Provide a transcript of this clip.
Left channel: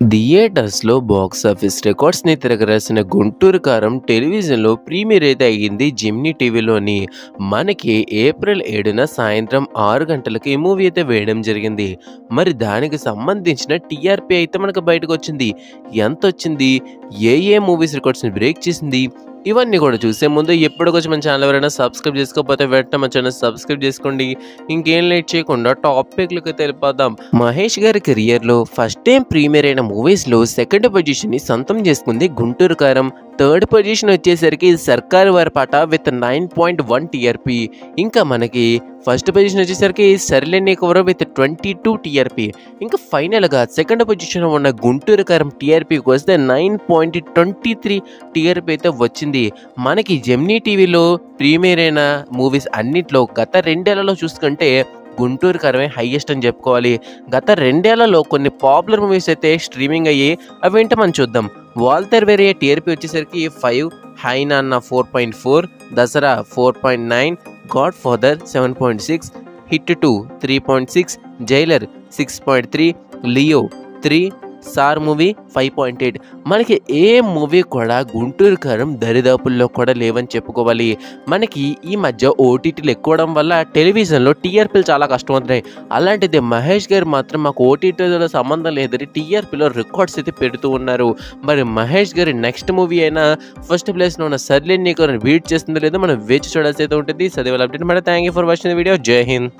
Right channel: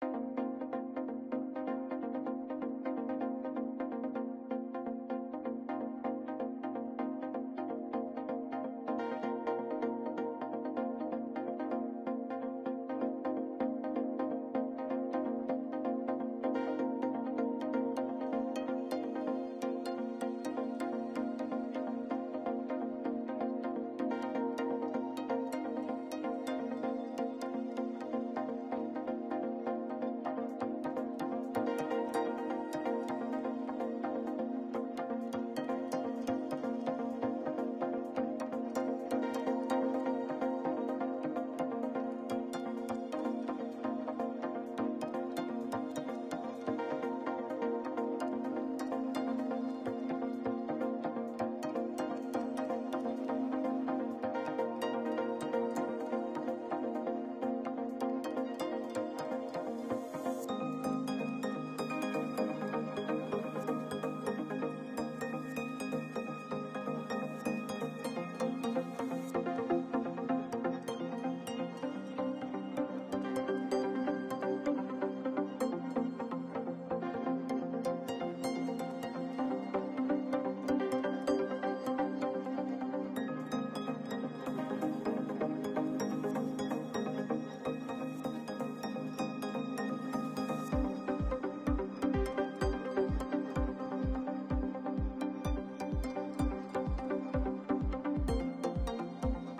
థియేటర్స్‌లో బాక్సాఫీస్ రికార్డ్స్‌ని తిరగరాసిన 'గుంటూరు కారం' టెలివిజన్‌లో ప్రీమియర్ అయితే అయ్యింది జెమినీ టీవీలోని. మనకి ఏప్రిల్ 7న సాయంత్రం 6 గంటలకి ఈ మూవీ అయితే వేయడం జరిగింది. మరి దానికి సంబంధించిన టీఆర్పీ అయితే మనకు బయటకొచ్చింది. ఎంతొచ్చింది? ఏ ఏ మూవీస్ రికార్డ్స్‌ని బ్రేక్ చేసింది? ఇవన్నీ కూడా చూసే ముందు ఎప్పటికొచ్చి మన ఛానల్ ఎవరైనా సబ్స్క్రైబ్ చేసుకోకపోతే వెంటనే మన ఛానల్ సబ్స్క్రైబ్ చేసుకోండి. ఇంకేం లేట్ చేయకుండా టాపిక్‌లోకి వెళ్ళిపోదాం. మహేష్ గారి కెరియర్‌లో ఫస్ట్ టైం ప్రీమియర్ అయిన మూవీస్‌లో సెకండ్ పొజిషన్‌ని సొంతం చేసుకుంది 'గుంటూరు కారం'. థర్డ్ పొజిషన్ వచ్చేసరికి 'సర్కారు వారి పాట' విత్ 9.1 టీఆర్పీ. ఇంకా మనకి ఫస్ట్ పొజిషన్ వచ్చేసరికి 'సరిలే నీకెవరో' విత్ 22 టీఆర్పీ. ఇంకా ఫైనల్‌గా సెకండ్ పొజిషన్‌లో ఉన్న 'గుంటూరు కారం' టీఆర్పీకి వస్తే 9.23 టీఆర్పీ అయితే వచ్చింది. మనకి జెమినీ టీవీలో ప్రీమియర్ అయిన మూవీస్ అన్నిట్లో గత 2 ఏళ్లలో చూసుకుంటే 'గుంటూరు కారమే' హైయెస్ట్ అని చెప్పుకోవాలి. గత 2 ఏళ్లలో కొన్ని పాపులర్ మూవీస్ అయితే స్ట్రీమింగ్ అయ్యాయి. అవేంటో మనం చూద్దాం. 'వాల్తేరు వీరయ్య' టీఆర్పీ వచ్చేసరికి 5, 'హై నాన్న' 4.4, 'Dasara' 4.9, 'God father' 7.6, 'hit 2' 3.6, 'Jailer' 6.3, 'Leo' 3, 'sir' movie 5.8. మనకి ఏ మూవీ కూడా 'గుంటూరు కారం' దరిదాపుల్లో కూడా లేవని చెప్పుకోవాలి. మనకి ఈ మధ్య ఓటీటీలు ఎక్కువడం వల్ల టెలివిజన్‌లో టీఆర్పీలు చాలా కష్టమవుతున్నాయి. అలాంటిది మహేష్ గారు మాత్రం మాకు ఓటీటీతో సంబంధం లేదని టీఆర్పీలో రికార్డ్స్ అయితే పెడుతూ ఉన్నారు. మరి మహేష్ గారి నెక్స్ట్ మూవీ అయినా ఫస్ట్ ప్లేస్‌లో ఉన్న 'సరిలేరు నీకెవరో'ని బీట్ చేస్తుందో లేదో మనం వేచి చూడాల్సి అయితే ఉంటుంది. సో, అది వాళ్ళ update. Thank you for watching the video. జై హింద్.